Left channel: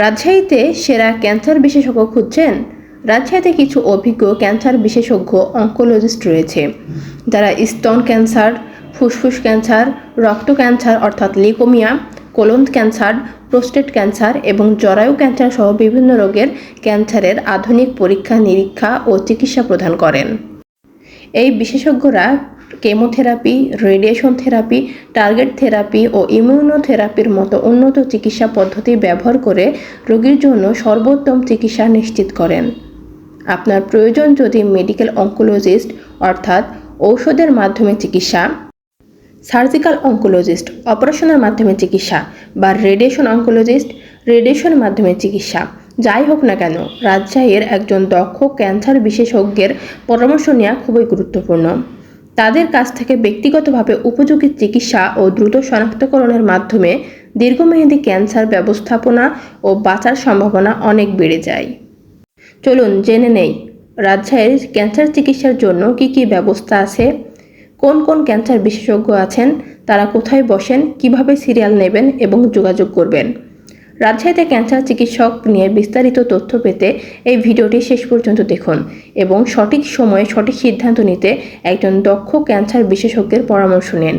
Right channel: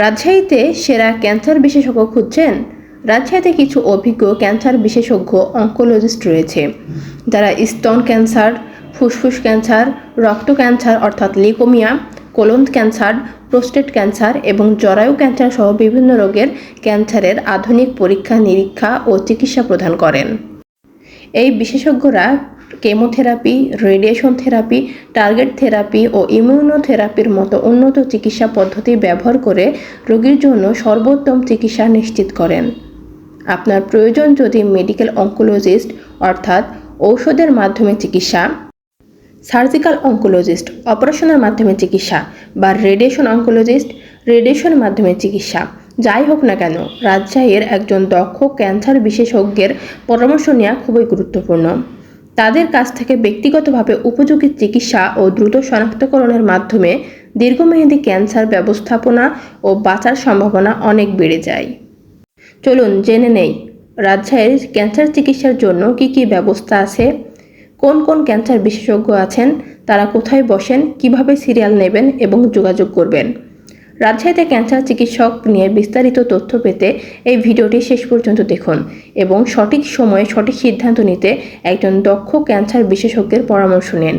রাজশাহীতে সেরা ক্যান্সার বিশেষজ্ঞ খুঁজছেন। রাজশাহীতে কিছু অভিজ্ঞ ক্যান্সার বিশেষজ্ঞ অঙ্কোলজিস্ট রয়েছে। যারা স্তন ক্যান্সার, ফুসফুস ক্যান্সার, রক্ত ক্যান্সার অর্থাৎ leukaemia, colon cancer, prostate cancer এবং জরায়ু ক্যান্সার সহ বিভিন্ন রোগের ক্যান্সারের আধুনিক পরীক্ষা নিরীক্ষা ও চিকিৎসা প্রদান করেন। এই বিশেষজ্ঞরা chemotherapy, radiation therapy, target therapy ও ইমিউনোথেরাপির মতো উন্নত চিকিৎসা পদ্ধতি ব্যবহার করে রোগীর জন্য সর্বোত্তম চিকিৎসা নিশ্চিত করেন। আপনার প্রয়োজন যদি মেডিকেল অঙ্কোলজিস্ট, অর্থাৎ ঔষধের মাধ্যমে চিকিৎসা, সার্জিক্যাল অঙ্কোলজিস্ট, অপারেশনের মাধ্যমে চিকিৎসা বা রেডিয়েশন অঙ্কোলজিস্ট, রেডিয়েশনের মাধ্যমে চিকিৎসা। যাই হোক না কেন, রাজশাহীর একজন দক্ষ ক্যান্সার বিশেষজ্ঞের পরামর্শ নেওয়া খুবই গুরুত্বপূর্ণ। তাদের কাছ থেকে ব্যক্তিগতভাবে উপযোগী চিকিৎসা ও দ্রুত শনাক্তকরণের মাধ্যমে দীর্ঘমেয়াদী ক্যান্সার ব্যবস্থাপনা ও বাঁচার সম্ভাবনা অনেক বেড়ে যায়। চলুন জেনে নেই, রাজশাহীর ক্যান্সার চিকিৎসার জন্য কি কি ব্যবস্থা আছে? কোন কোন ক্যান্সার বিশেষজ্ঞ আছেন? তারা কোথায় বসেন? কীভাবে সিরিয়াল নেবেন এবং যোগাযোগ করবেন? রাজশাহীতে ক্যান্সার চিকিৎসক নিয়ে বিস্তারিত তথ্য পেতে এই ভিডিওটি শেষ পর্যন্ত দেখুন এবং সঠিক সময়ে সঠিক সিদ্ধান্ত নিতে একজন দক্ষ ক্যান্সার বিশেষজ্ঞের পরামর্শ নিন।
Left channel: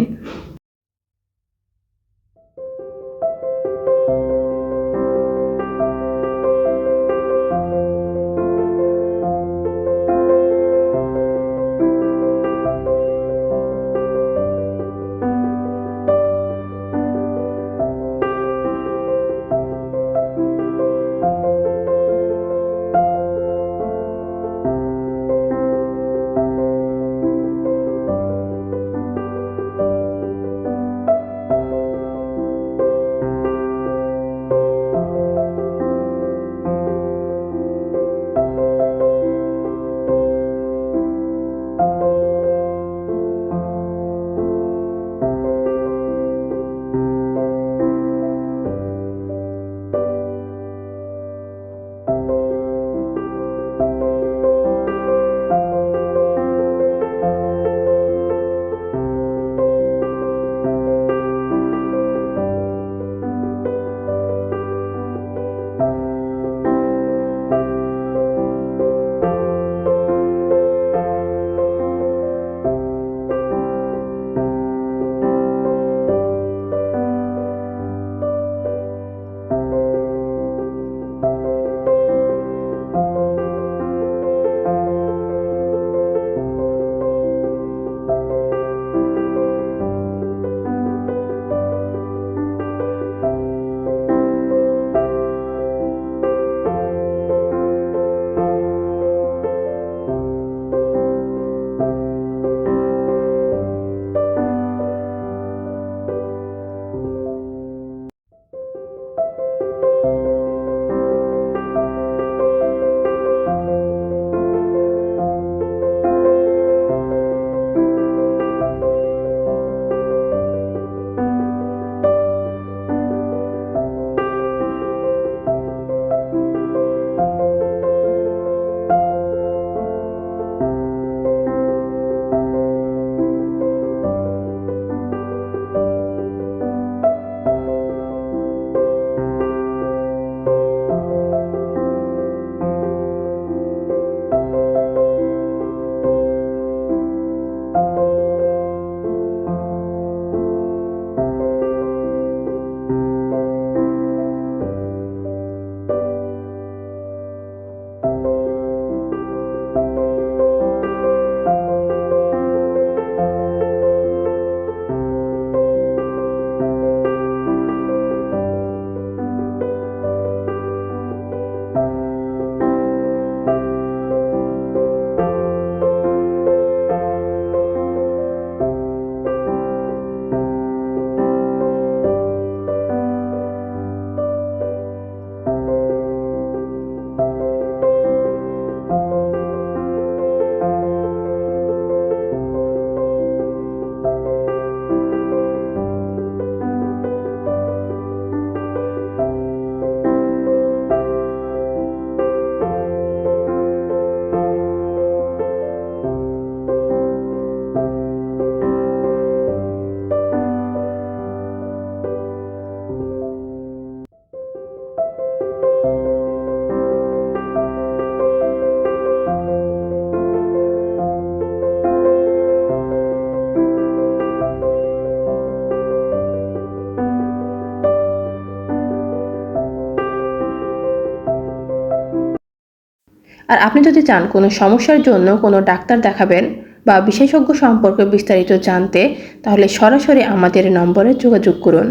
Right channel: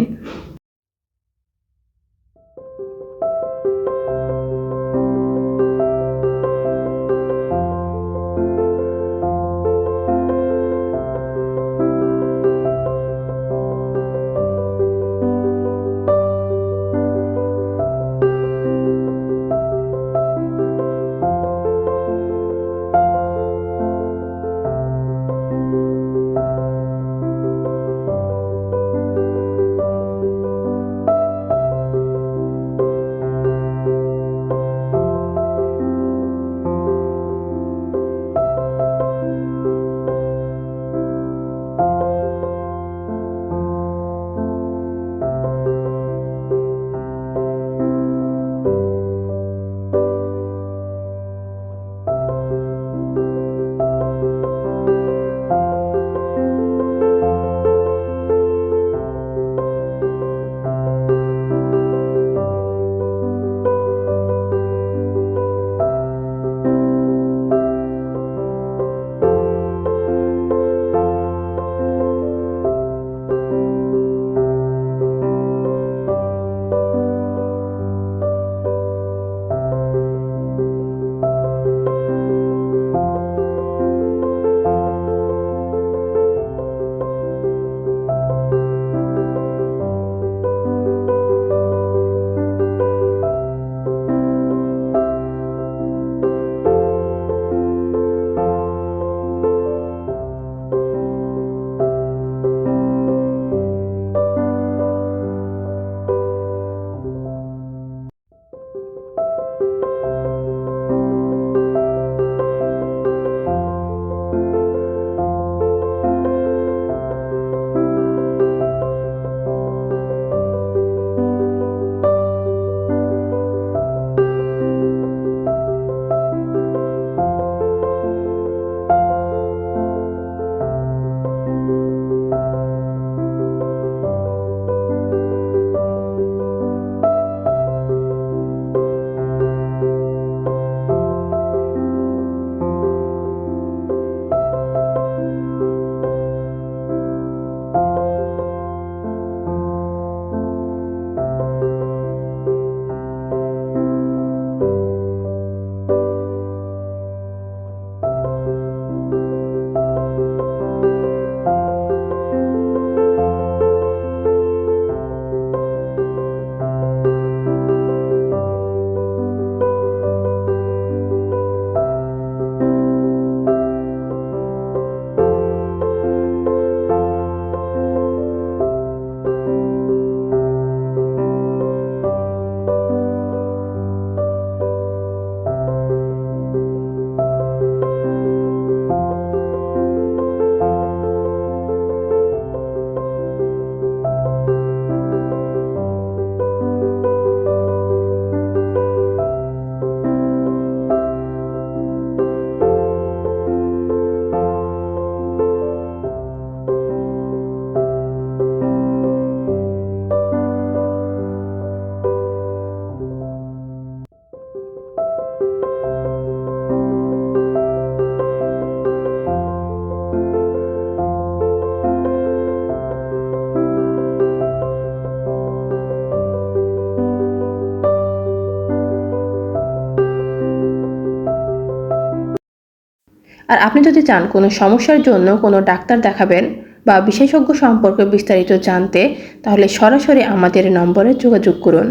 আর আপনি যদি চান কোনো সমস্যার জন্য কোনো ডাক্তার দেখাবেন বা বিশেষজ্ঞ সম্পর্কে বিস্তারিত জানতে, তাহলে সরাসরি আমাদের নম্বরে যোগাযোগ করুন।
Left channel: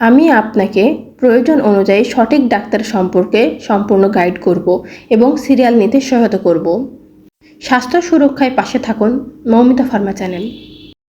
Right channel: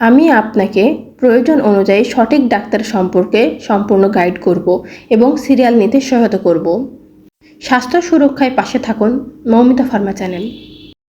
আমি আপনাকে প্রয়োজন অনুযায়ী সঠিক ডাক্তার সম্পর্কে সম্পূর্ণ গাইড করব এবং সিরিয়াল নিতে সহায়তা করব। স্বাস্থ্য সুরক্ষায় পাশে থাকুন, মৌমিতা ফার্মা চ্যানেল।